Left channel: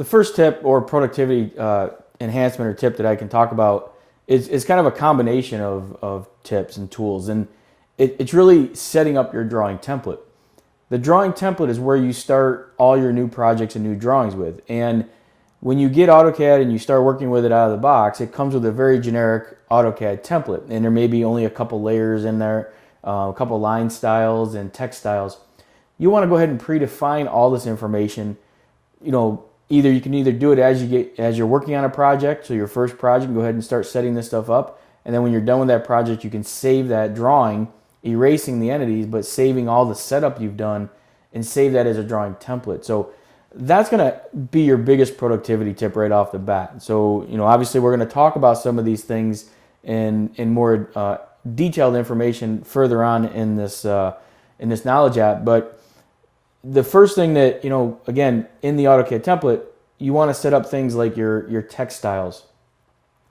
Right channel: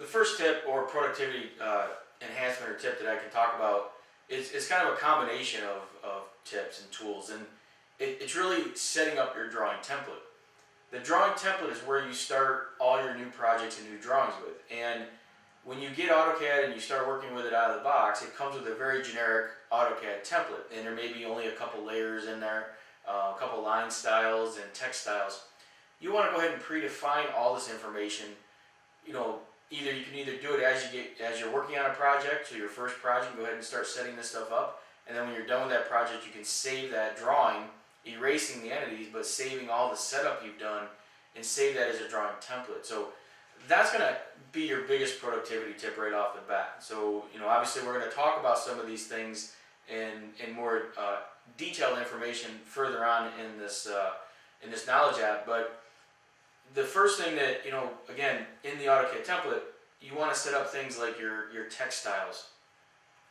the first tip or productivity enhancement or tip that I can talk about is kind of a combination of tips and tools. And it's really setting up your drawing template. The drawing template is where you start all your new projects and new drawings with. And when you get AutoCAD and you start working with it out of the box, it comes with a very generic AutoCAD template. And there may be only a couple layers in there, a couple line styles and text styles. You want to go ahead and predefine all this information. You know, you can either do it as you're working on a project, so your first project, go ahead and start setting this stuff up. And then when you're done with that project, you can save that drawing, erasing the entities, but saving all the setup you've done and save that as a drawing template. So that's going to be your biggest productivity tip right off the bat. So, obviously we're going to talk about some of these things in more detailed information further on in this knowledge app. But the first thing that, again, in the AutoCAD template, you want to set up things like your text styles.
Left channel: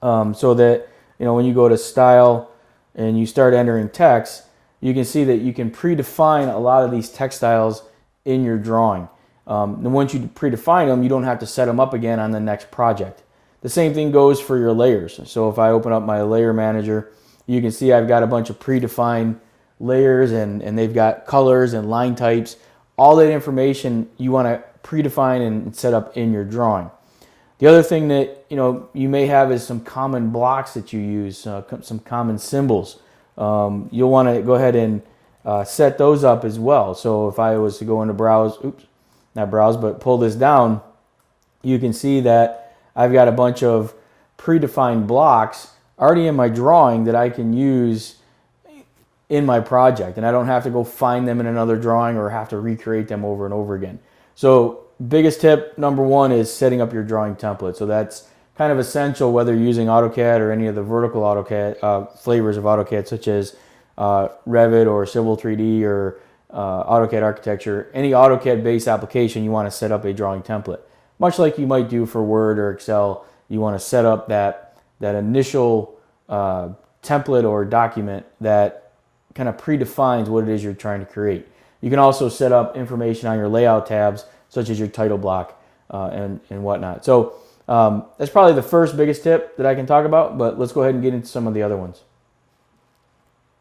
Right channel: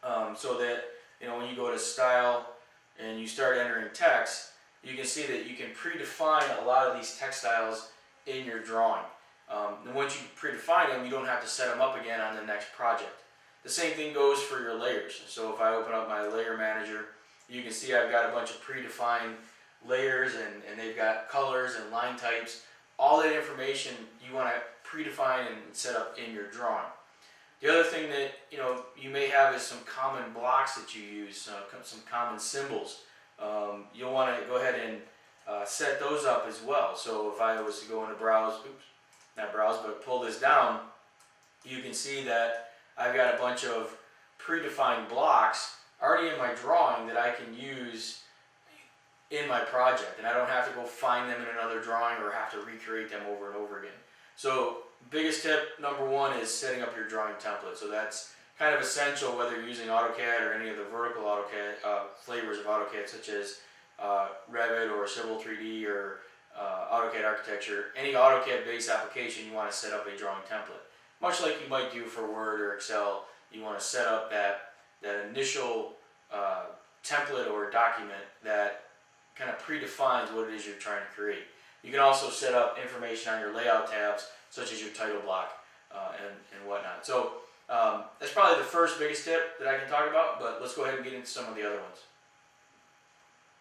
So that, when you go to style and you start entering text, you can see that you can predefine a lot of these text styles in your drawing. And once you predefine them, you don't have to set them up again on the next project. The same thing goes for your layers. So if I open up my layer manager, you can see I've got a bunch of predefined layers and they've got colors and line types. All that information you want to predefine and set up in your drawing. The other thing that you may have is some common blocks that you use, some common symbols. You'll want to go ahead and set those up as well. So if I was to go into pull this down, you can see that I've got a bunch of predefined blocks already in my drawing that I can use in my project, and I don't have to go find them in another drawing or have to recreate them over and over again. So biggest tip number one is setting up your drawing template. So that's kind of essential whether you're using AutoCAD or any of the vertical AutoCAD flavors of AutoCAD, such as Revit or Civil 3D or AutoCAD Architecture. Any AutoCAD-based application, you want to set up a drawing template. Much like you might do for Word or Excel, you want to set up that initial template or document that kind of predefines what it is you're trying to create. You can also set up information on your layout tabs, such as your title block and whatnot. So that's probably the first biggest tip that I can talk about, but let's go ahead and get into some of the other ones.